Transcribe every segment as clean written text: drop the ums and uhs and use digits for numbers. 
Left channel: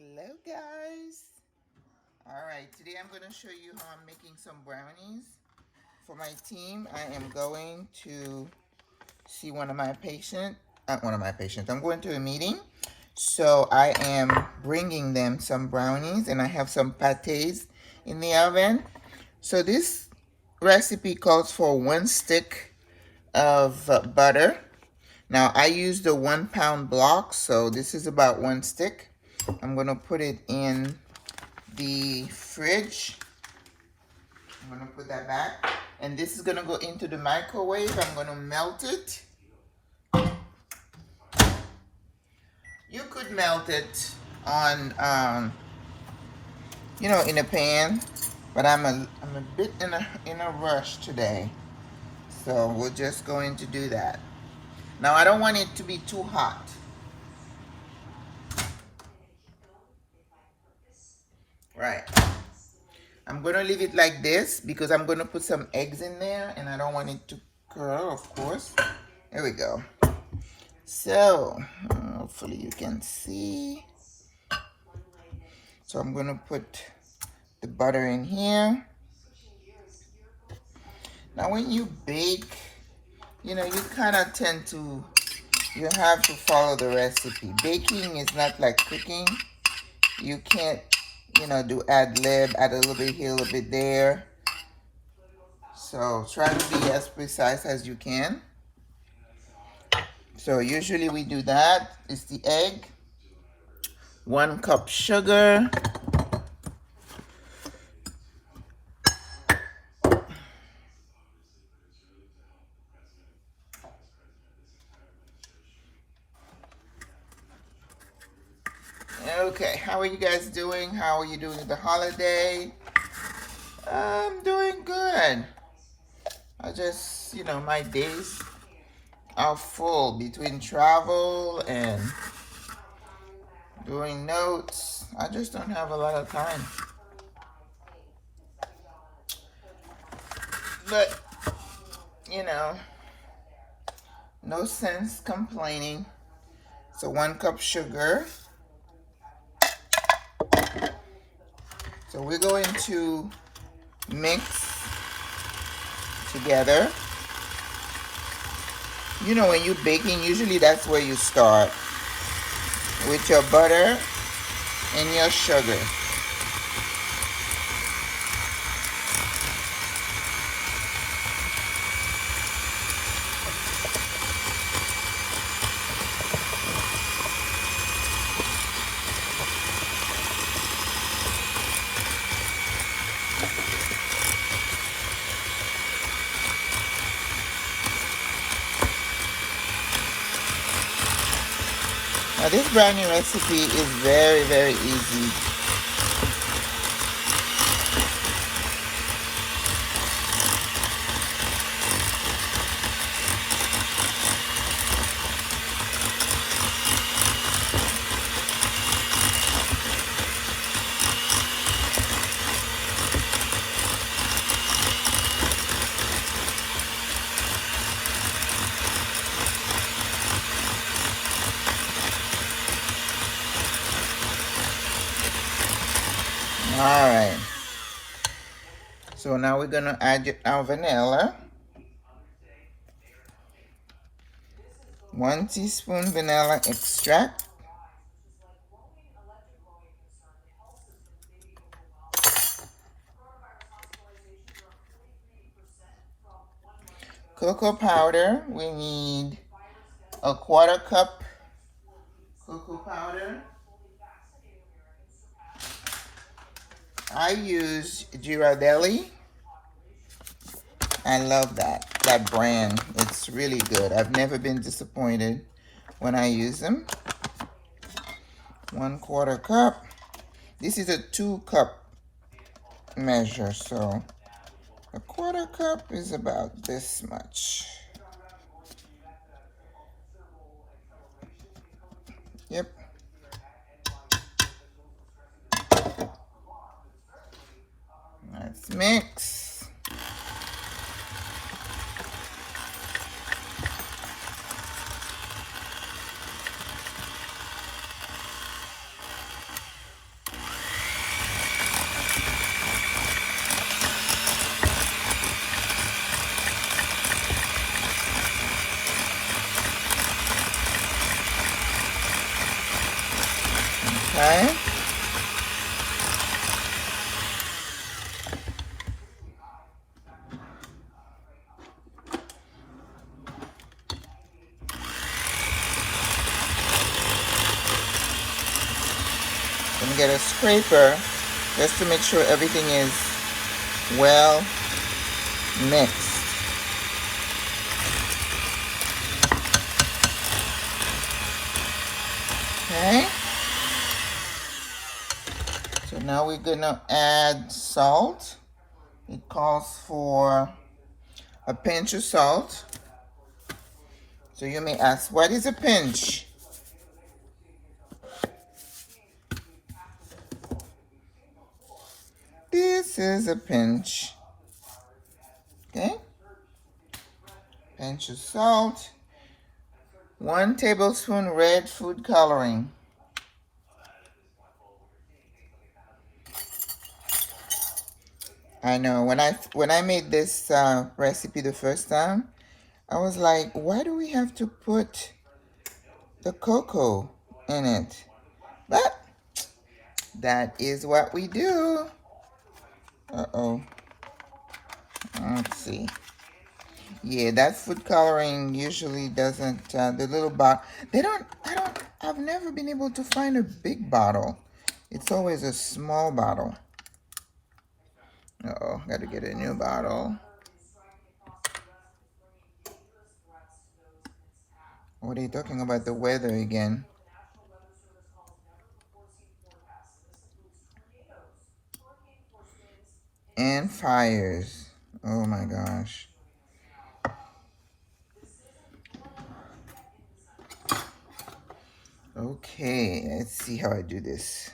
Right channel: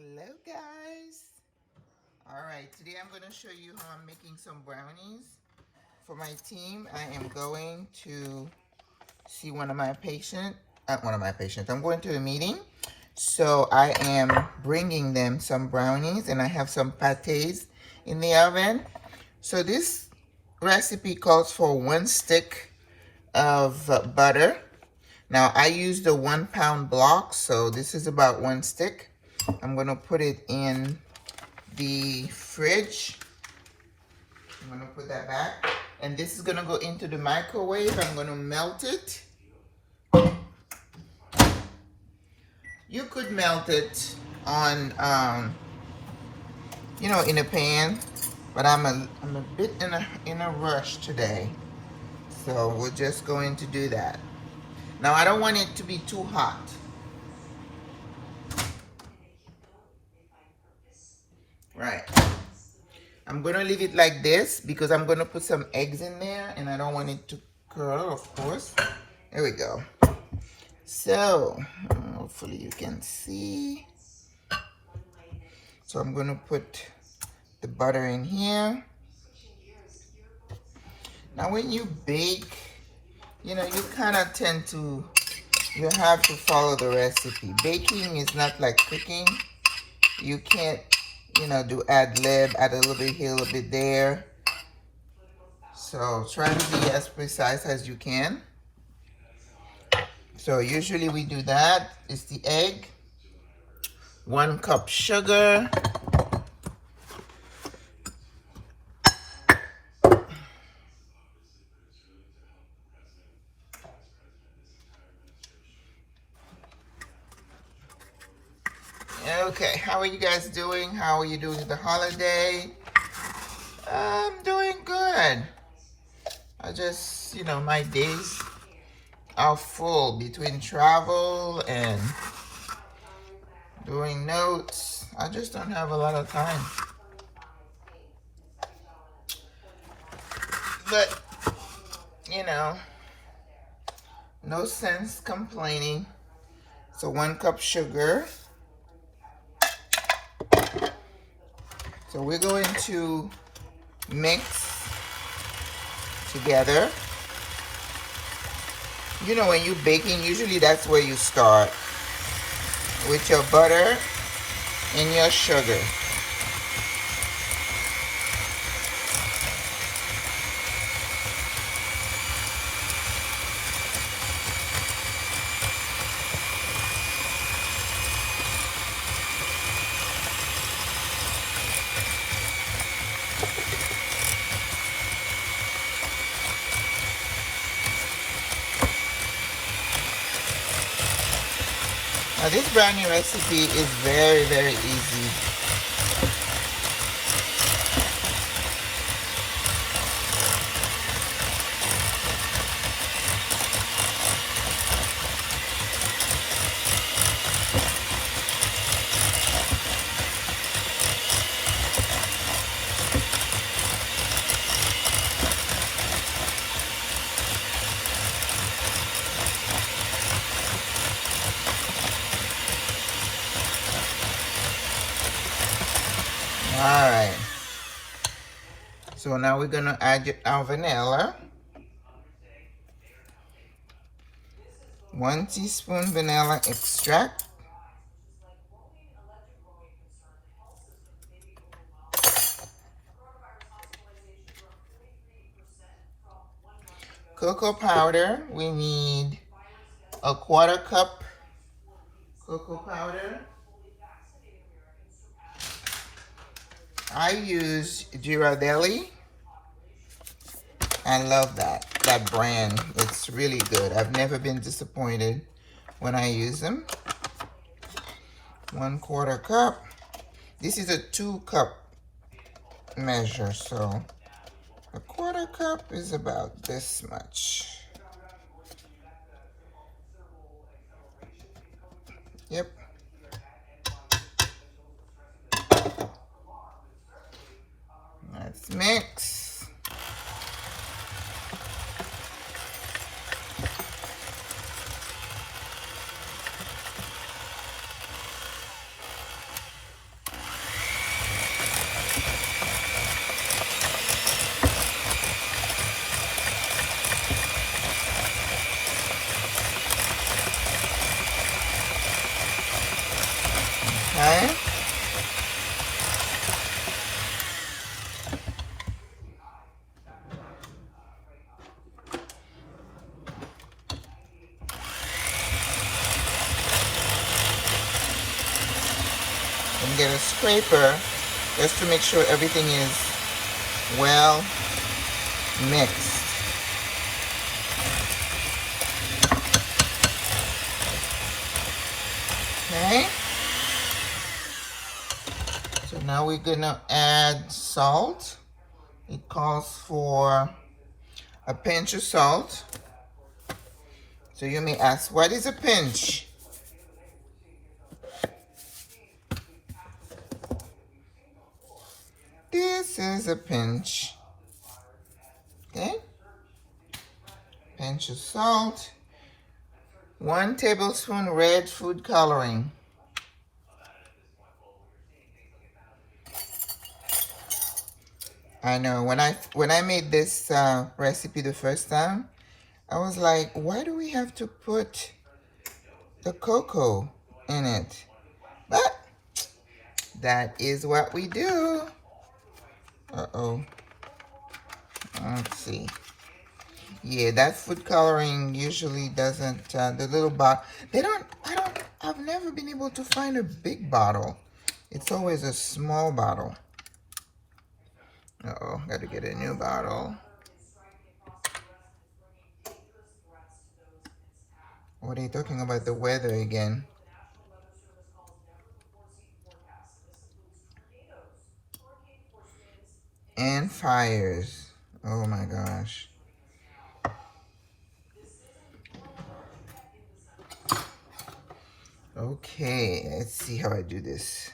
Hello guys. Alright, today I'm going to show you how I'm making some brownies for my team. I am going to see one of my patients. I'm going to a meeting. So I am bringing them some brownies and I have some pâtés in the oven. So this recipe calls for 1 stick of butter. Now I use the 1 pound block, so this is about 1 stick. I'm going to put it in the fridge. I'm going to put that back. And this is going to go into the microwave. I'm going to melt it. You could melt it on, in a pan. But I'm a bit in a rush today. So we're just going to do that. Now I don't want it to be too hot. Right. I'm going to leave it like this because I'm going to put some eggs in there and I don't want it to curl, of course. There we go. So, hopefully you can see. So I'm going to put the butter in here. Now when you bake, you kind of tend to, you have to follow the recipe. Baking is not like cooking. You can't do ad-lib, add a little bit here, a little bit there. So try to be as precise as you can. So usually we do that. It's the egg, 1 cup sugar, okay, how are you guys doing? How are you doing at the holiday? I'm doing good. I just, my days are full between travel and doing notes. I just don't have a lot of time. But, no sense complaining. So 1 cup sugar. So we're going to mix together. When you're baking, usually that's where you start, with your butter and your sugar. Now this brownie recipe is very, very easy. Alright, so now we're going to add our vanilla. 1 teaspoon vanilla extract. Cocoa powder, we need a 1/4 cup cocoa powder. I use Ghirardelli. I love that brand. It's really good. I've never been disappointed when I use them. 1/4 cup. This is a 2 cup measure, so a 1/4 cup is about this much. Yep. Let's mix. and get a scraper just to make sure everything is well mixed. Okay. So now we're gonna add salt. It calls for a pinch of salt. So you may ask, what is a pinch? This is a pinch. Okay. Pinch of salt. 1 tablespoon red food coloring. I know when I made this recipe the first time, I was like, why do we have to put the cocoa in it? But that is what we do. Uh-oh. Let's see. Yeah, that food coloring usually doesn't, the little bottle, I've never been able to find a big bottle. It's always a small bottle. Uh-oh, gotta get a new bottle. What are you talking about, the weather again? And fires. Oh my gosh. Okay, let's see how I do this.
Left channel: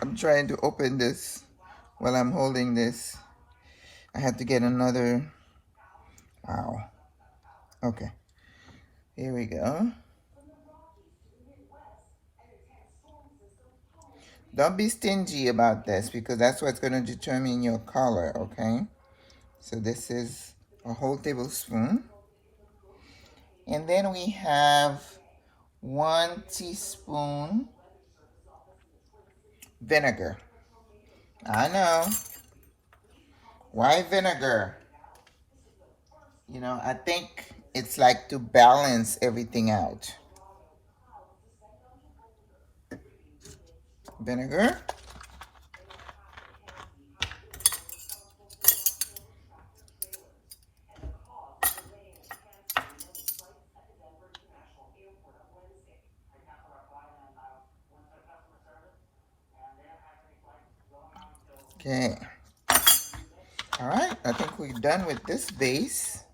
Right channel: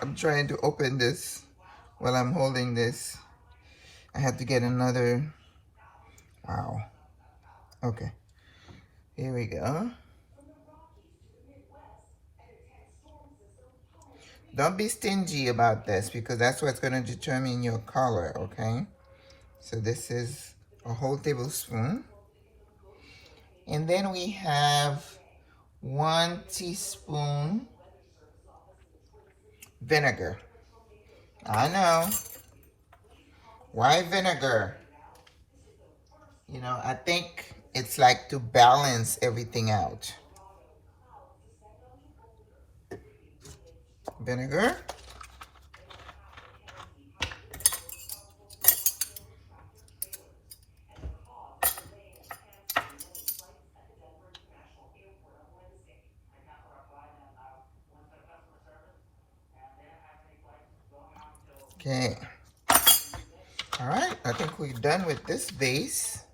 I'm trying to open this while I'm holding this. I have to get another. Wow. Okay. Here we go. Don't be stingy about this because that's what's going to determine your color, okay? So this is a whole tablespoon. And then we have 1 teaspoon vinegar. I know. Why vinegar? You know, I think it's like to balance everything out. Vinegar. Okay. All right, I think we're done with this base.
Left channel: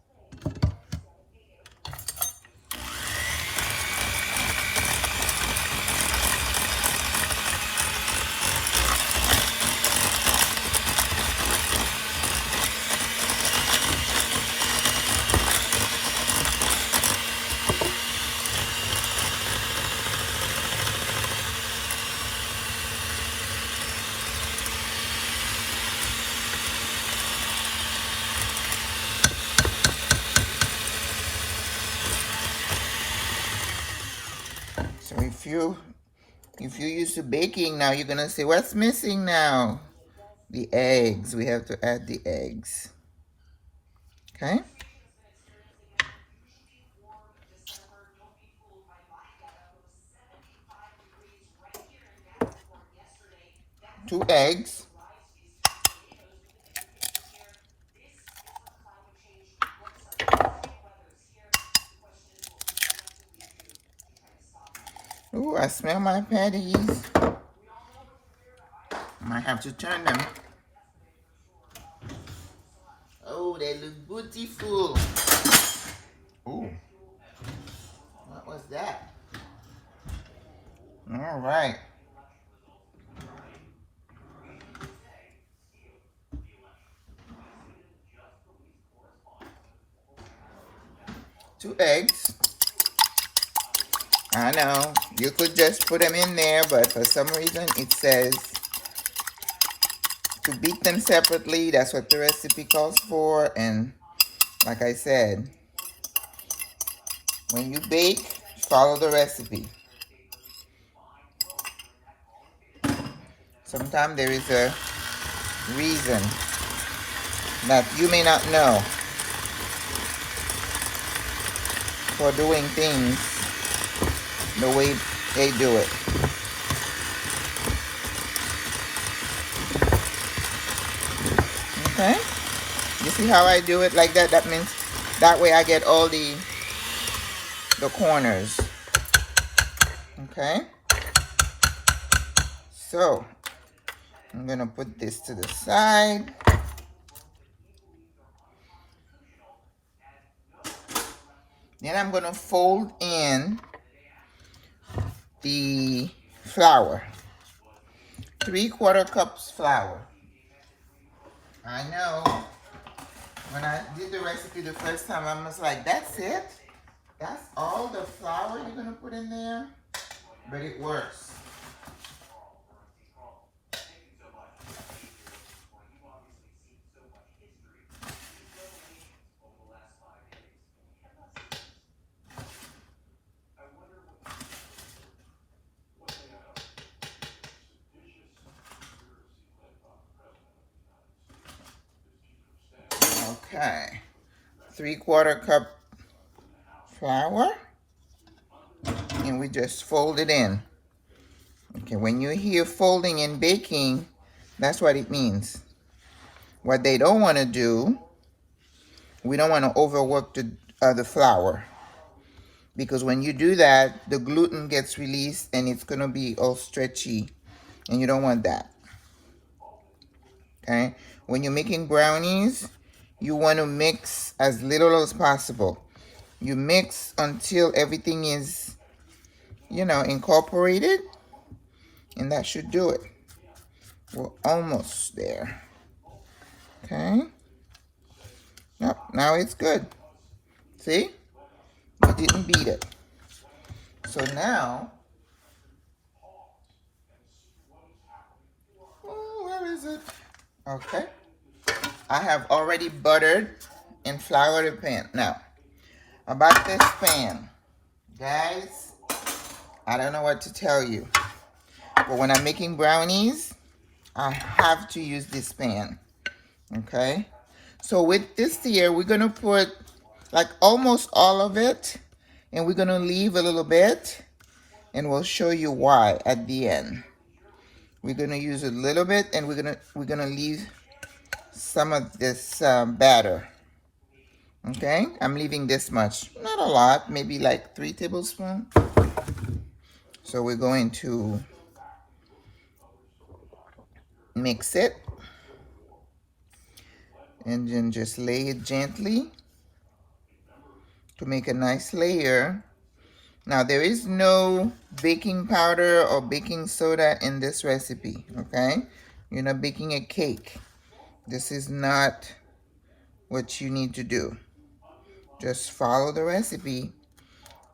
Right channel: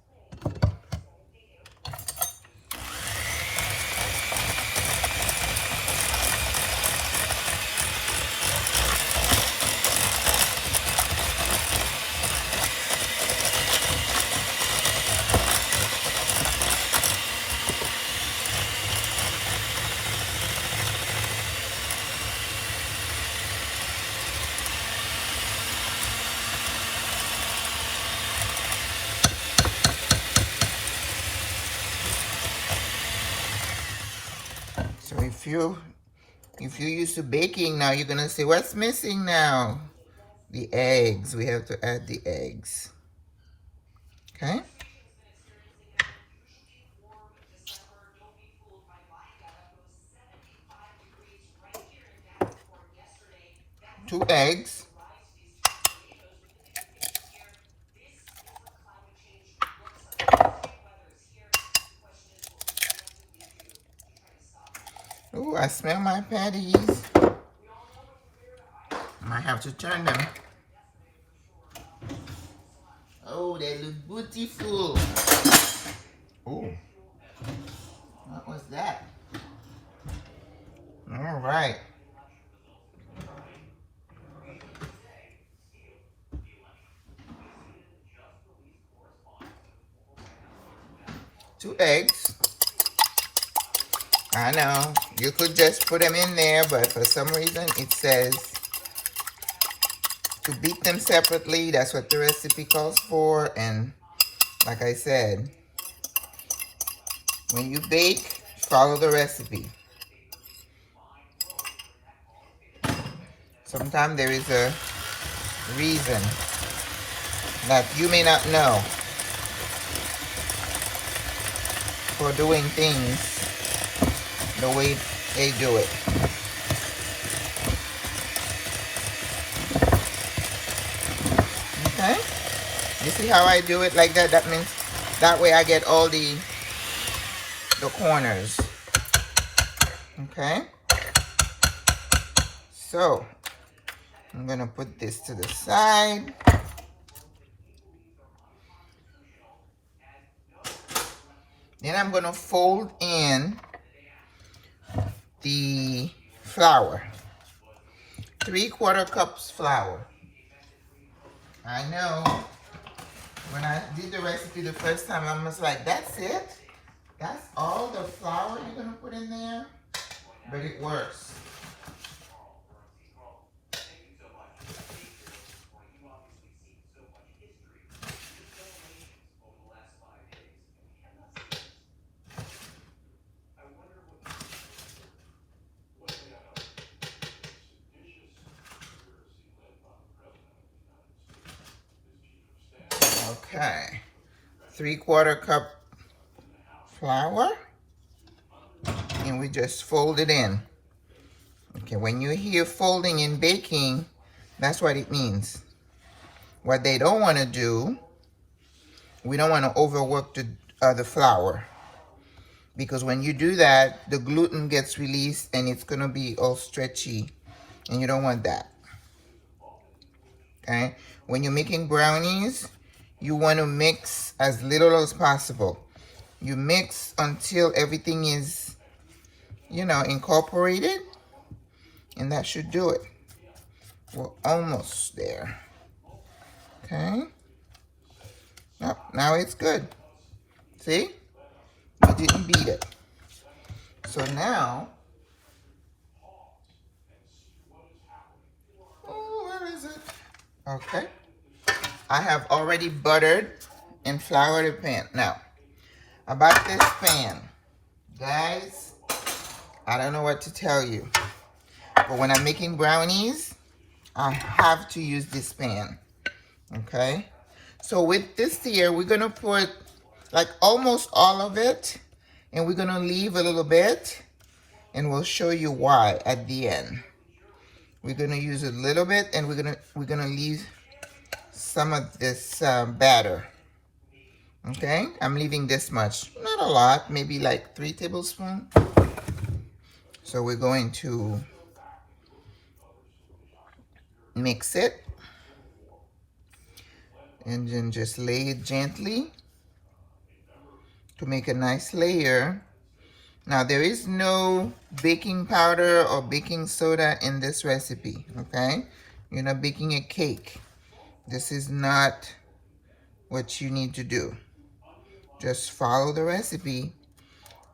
So if you're used to baking now, you're gonna say, what's missing now? The eggs. We have to add the eggs. Okay? Two eggs. Ooh, I smell my patties. Might have to turn them. Oh, they look beautiful. Ooh. What was that? All right. Two eggs. I know, you could just put them in there, but for some reason it says to beat them separately. That's what the recipe calls for. And like I said, when you bake, follow the recipe. Sometimes there is a reason that you may not know. for doing things the way they do it. Okay? You see how I do it like that? That means that way I get all the corners. Okay? So, I'm going to put this to the side. Then I'm going to fold in the flour. 3/4 cups flour. I know when I did the recipe the first time, I was like, that's it? That's all the flour you're going to put in there? But it works. Okay, 3/4 cup flour, and we just fold it in. Okay, when you hear folding in baking, that's what it means. What they don't want to do, we don't want to overwork the flour, because when you do that, the gluten gets released and it's going to be all stretchy, and you don't want that. Okay, when you're making brownies, you want to mix as little as possible. You mix until everything is, you know, incorporated, and that should do it. We're almost there. Okay. Yep, now it's good. See? We didn't beat it. So now, oh, where is it? Okay. I have already buttered and floured the pan. Now, about this pan, guys, I don't know what to tell you, but when I'm making brownies, I have to use this pan. Okay? So with this here, we're going to put like almost all of it, and we're going to leave a little bit, and we'll show you why at the end. We're going to use a little bit, and we're going to leave some of this batter. Okay, I'm leaving this much, not a lot, maybe like 3 tablespoons. So we're going to mix it and then just lay it gently to make a nice layer. Now there is no baking powder or baking soda in this recipe, okay? You're not baking a cake. This is not what you need to do. Just follow the recipe,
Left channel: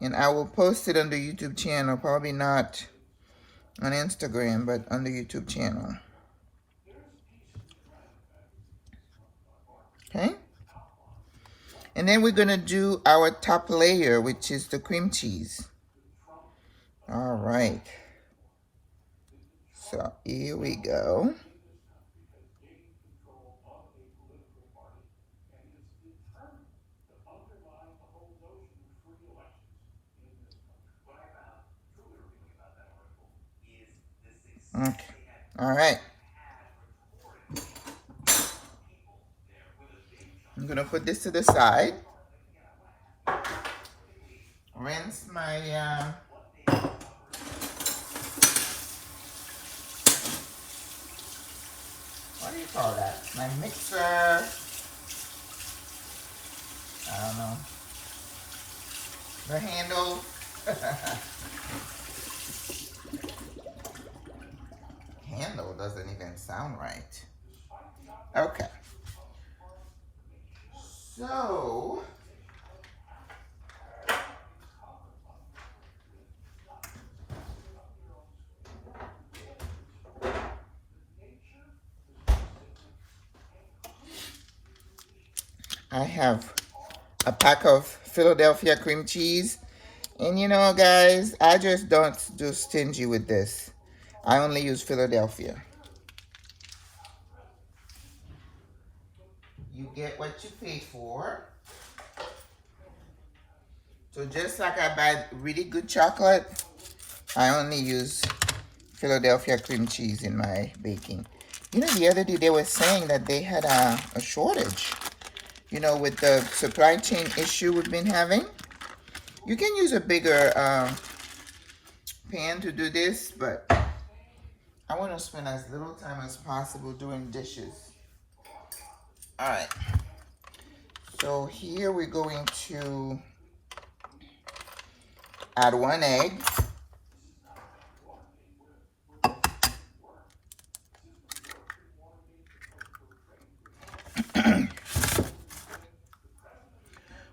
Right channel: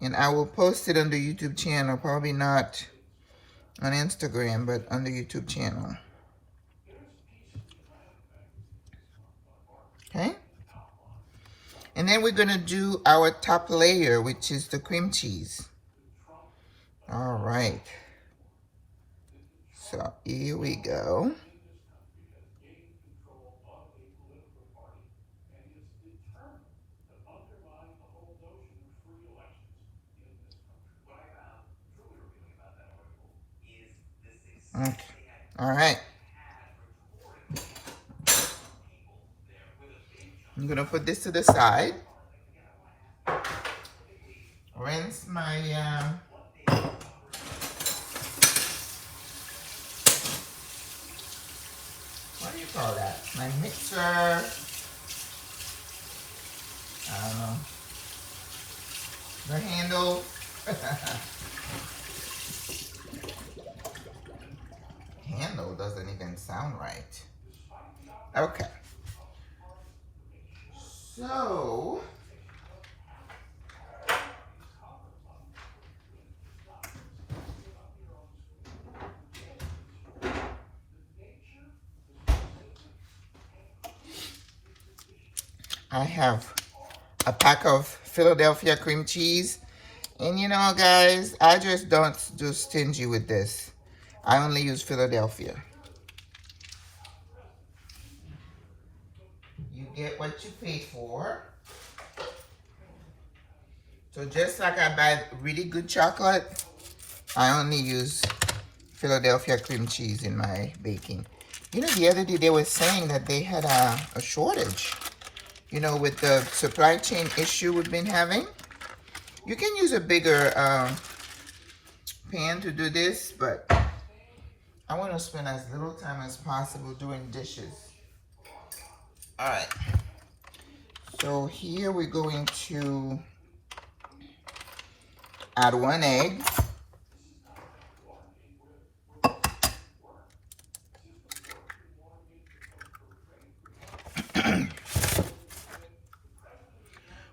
and I will post it on the YouTube channel, probably not on Instagram, but on the YouTube channel. Okay? And then we're going to do our top layer, which is the cream cheese. All right. So here we go. Okay. All right. I'm going to put this to the side. Rinse my what do you call that? My mixer. I don't know. The handle. Handle doesn't even sound right. Okay. So I have a pack of Philadelphia cream cheese. And you know, guys, I just don't do stingy with this. I only use Philadelphia. You get what you pay for. So just like I buy really good chocolate, I only use Philadelphia cream cheese in my baking. You know, the other day they were saying that they had a shortage, you know, with the supply chain issue we've been having. You can use a bigger pan to do this, but I want to spend as little time as possible doing dishes. All right. So here we're going to add 1 egg.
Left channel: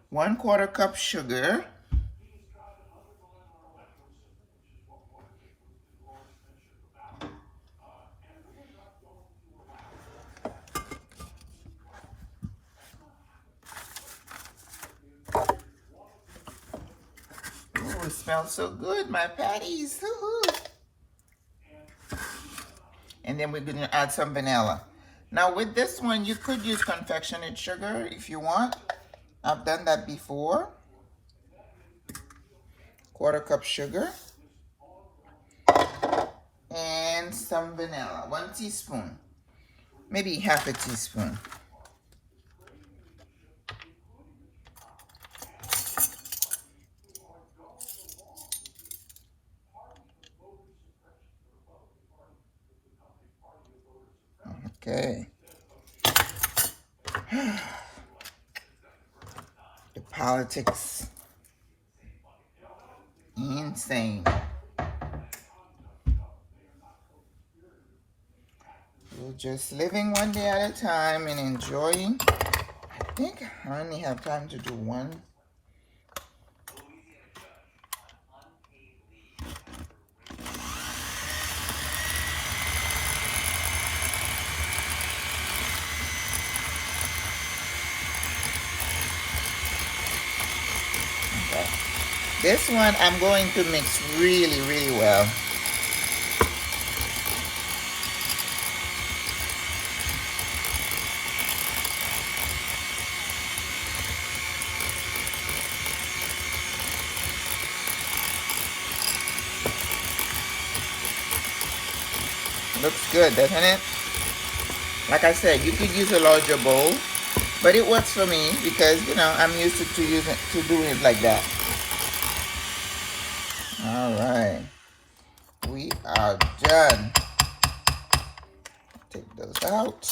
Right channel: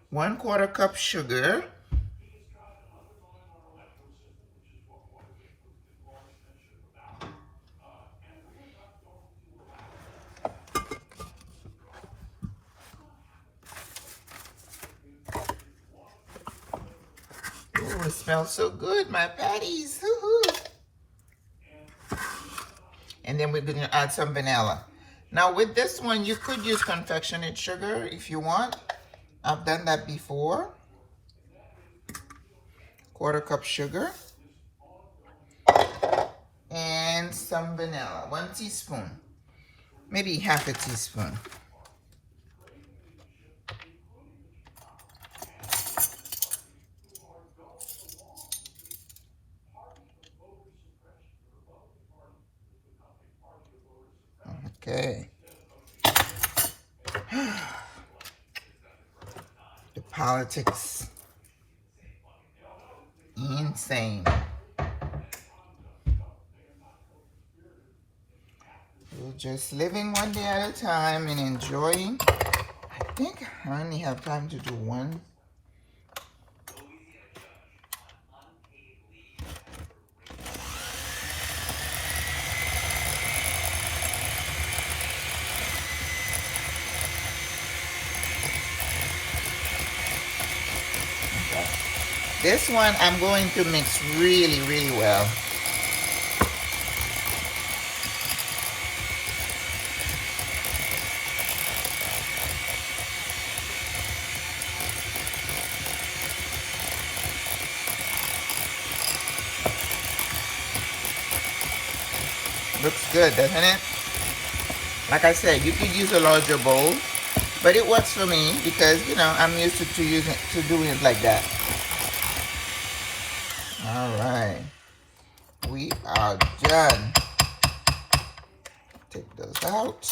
One-quarter cup sugar. It smells so good, my patties. And then we're going to add some vanilla. Now with this one, you could use confectionate sugar if you want. I've done that before. Quarter cup sugar. And some vanilla. 1 teaspoon. Maybe half a teaspoon. Okay. The politics. Insane. We're just living one day at a time and enjoying. I think I only have time to do one. This one I'm going to mix really, really well. Looks good, doesn't it? Like I said, you could use a larger bowl, but it works for me because, you know, I'm used to doing it like that. All right, we are done. Take those out.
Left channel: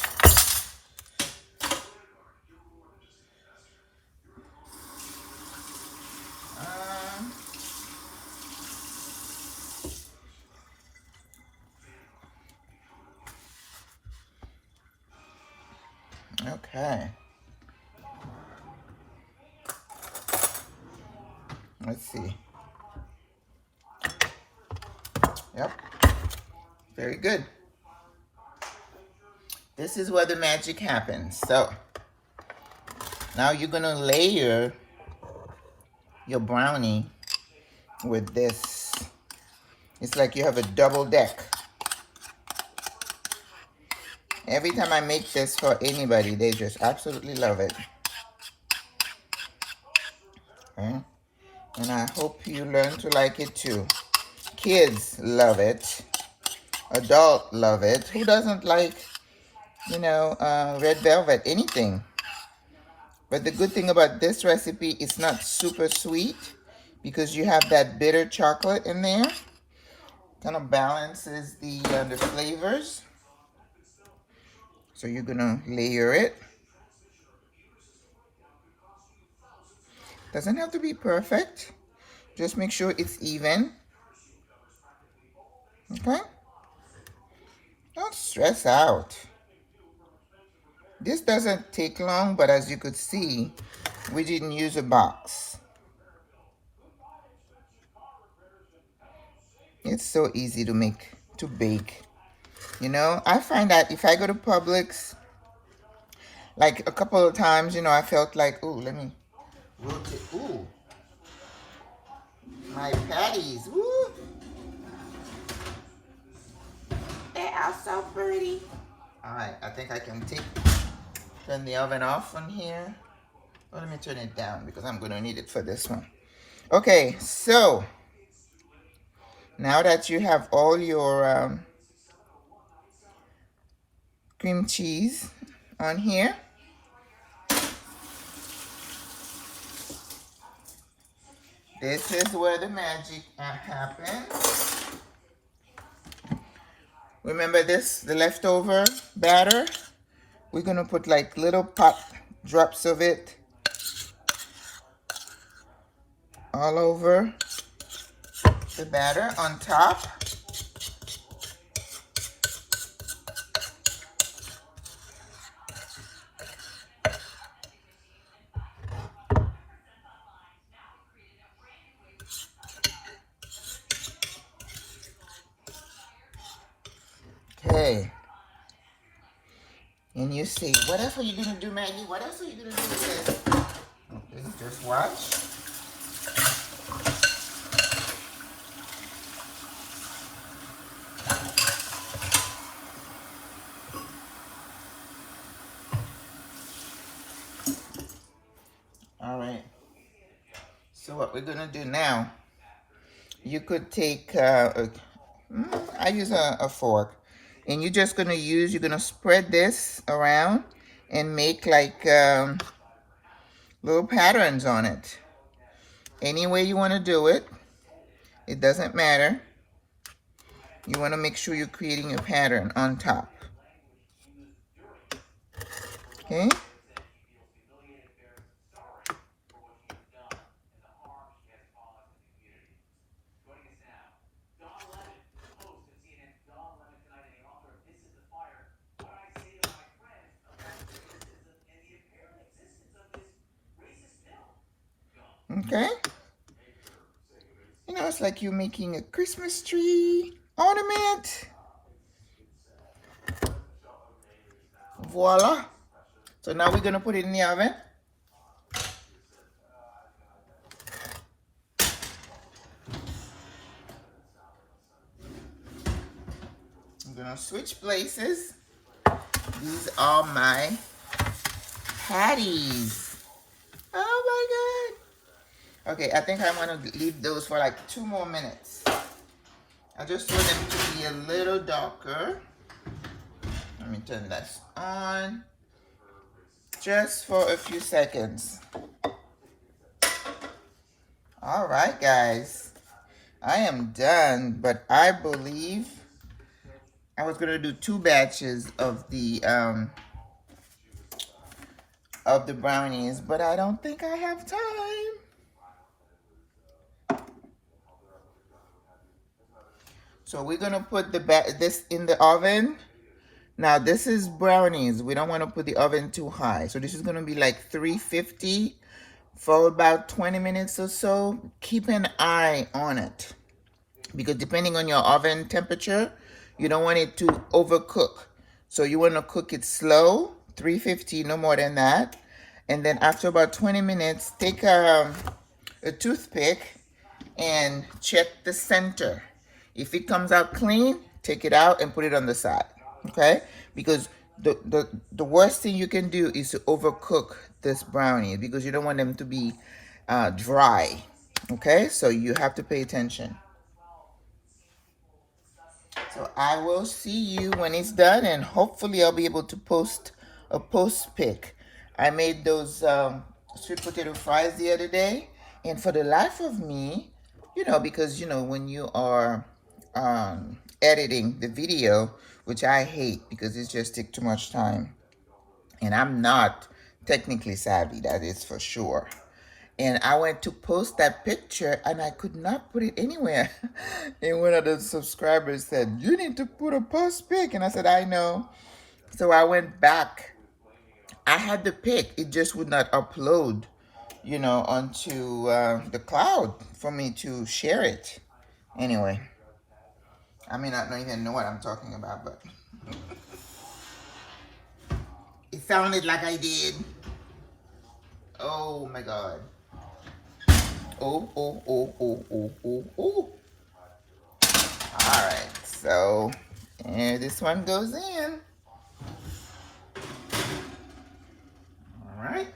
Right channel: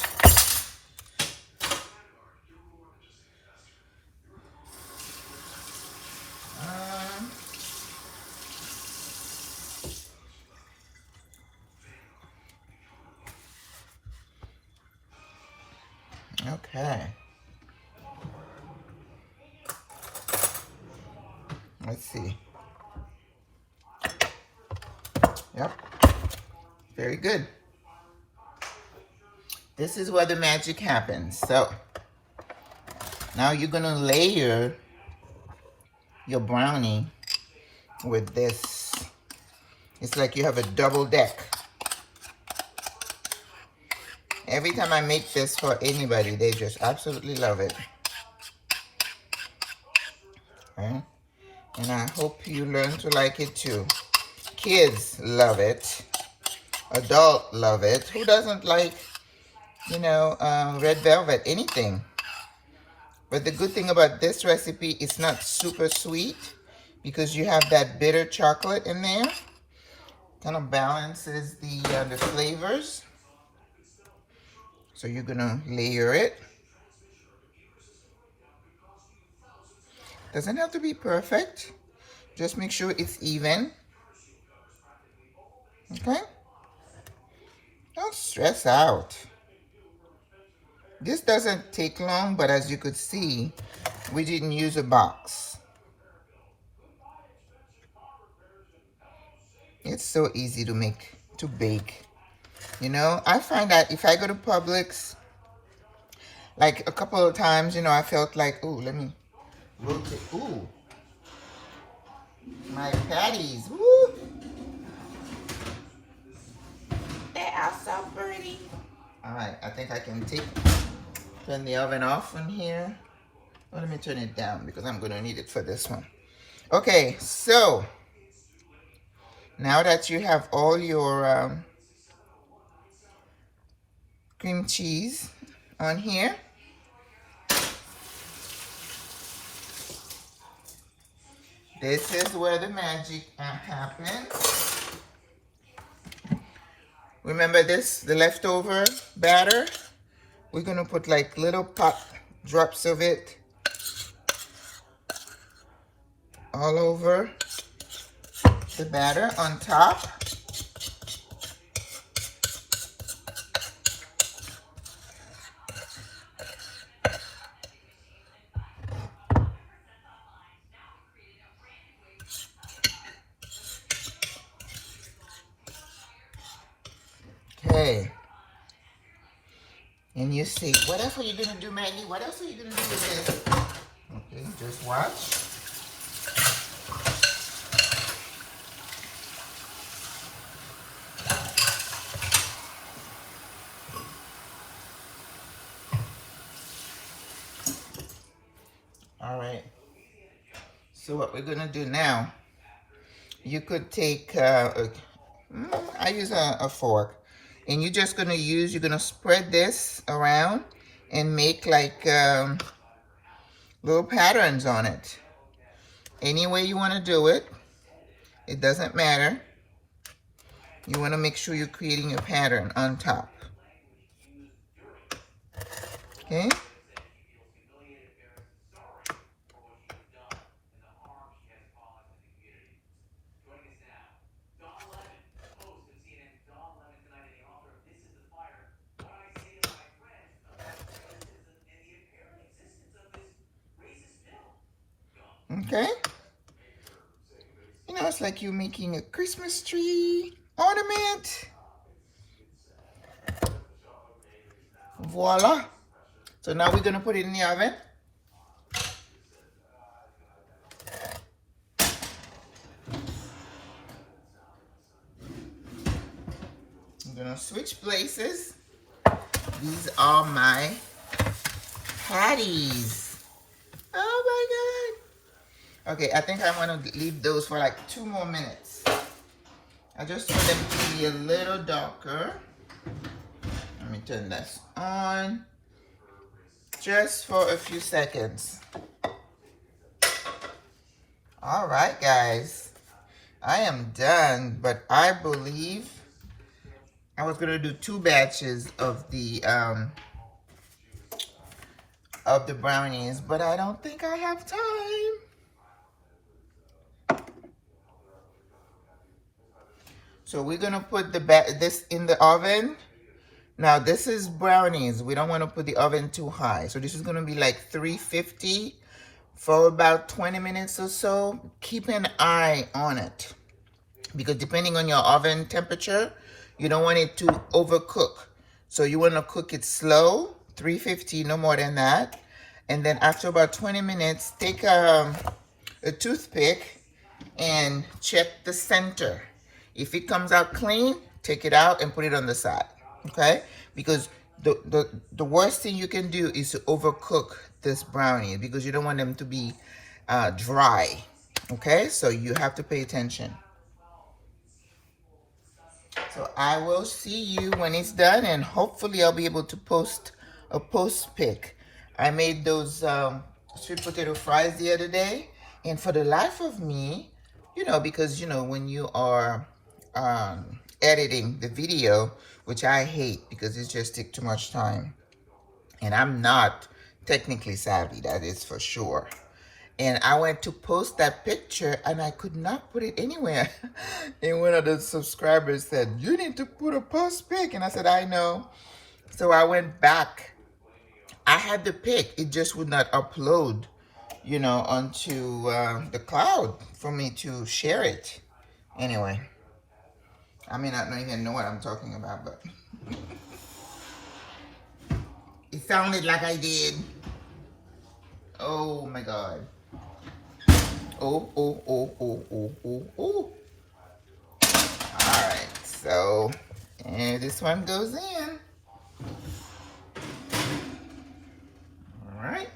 Okay. Let's see. Yep. Very good. This is where the magic happens. So now you're gonna layer your brownie with this. It's like you have a double deck. Every time I make this for anybody, they just absolutely love it. Okay? And I hope you learn to like it too. Kids love it. Adults love it. Who doesn't like, you know, red velvet, anything? But the good thing about this recipe, it's not super sweet because you have that bitter chocolate in there. Kind of balances the flavors. So you're gonna layer it. Doesn't have to be perfect. Just make sure it's even. Okay? Don't stress out. This doesn't take long, but as you could see, we didn't use a box. It's so easy to bake. You know, I find that if I go to Publix, like a couple of times, you know, I felt like, oh, let me rotate. Ooh, my patties. Woo! They are so pretty. All right, I think I can turn the oven off on here. Oh, let me turn it down because I'm going to need it for this one. Okay, so now that you have all your cream cheese on here, this is where the magic happens. Remember this, the leftover batter? We're gonna put like little pop drops of it all over the batter on top. Okay. And you see, what else are you gonna do, Maggie? What else are you gonna do with this? Okay, just watch. All right. So what we're gonna do now, you could take, I use a fork, and you're just gonna you're gonna spread this around and make like little patterns on it. Any way you wanna do it, it doesn't matter. You wanna make sure you're creating a pattern on top. Okay? Okay? You know, it's like you're making a Christmas tree ornament. Voila. So now we're going to put it in the oven. I'm going to switch places. These are my patties. Oh my God. Okay, I think I'm going to leave those for like 2 more minutes. I just want them to be a little darker. Let me turn this on. Just for a few seconds. All right, guys. I am done, but I believe I was gonna do 2 batches of the brownies, but I don't think I have time. So we're gonna put this in the oven. Now this is brownies. We don't want to put the oven too high. So this is gonna be like 350 for about 20 minutes or so. Keep an eye on it, because depending on your oven temperature, you don't want it to overcook. So you want to cook it slow, 350, no more than that. And then after about 20 minutes, take a toothpick and check the center. If it comes out clean, take it out and put it on the side, okay? Because the worst thing you can do is to overcook this brownie, because you don't want them to be dry, okay? So you have to pay attention. So I will see you when it's done, and hopefully I'll be able to post a post pic. I made those sweet potato fries the other day, and for the life of me, you know, because you know when you are editing the video, which I hate because it just takes too much time, and I'm not technically savvy, that is for sure. And I went to post that picture and I could not put it anywhere. And one of the subscribers said, "You need to put a post pic." And I said, "I know." So I went back. I had the pic, it just would not upload, you know, onto the cloud for me to share it. Anyway, I may not even know what I'm talking about, but it sounded like I did. Oh my God. Oh, oh, oh, oh, oh, oh, oh. All right, so, and this one goes in. All right,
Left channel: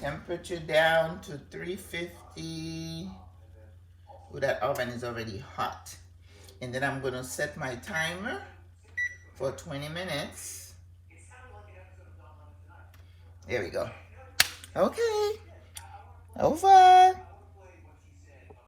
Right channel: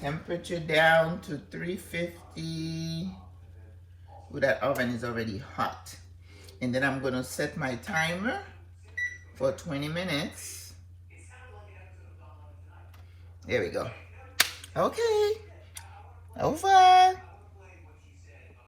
temperature down to 350. Ooh, that oven is already hot. And then I'm gonna set my timer for 20 minutes. There we go. Okay, over.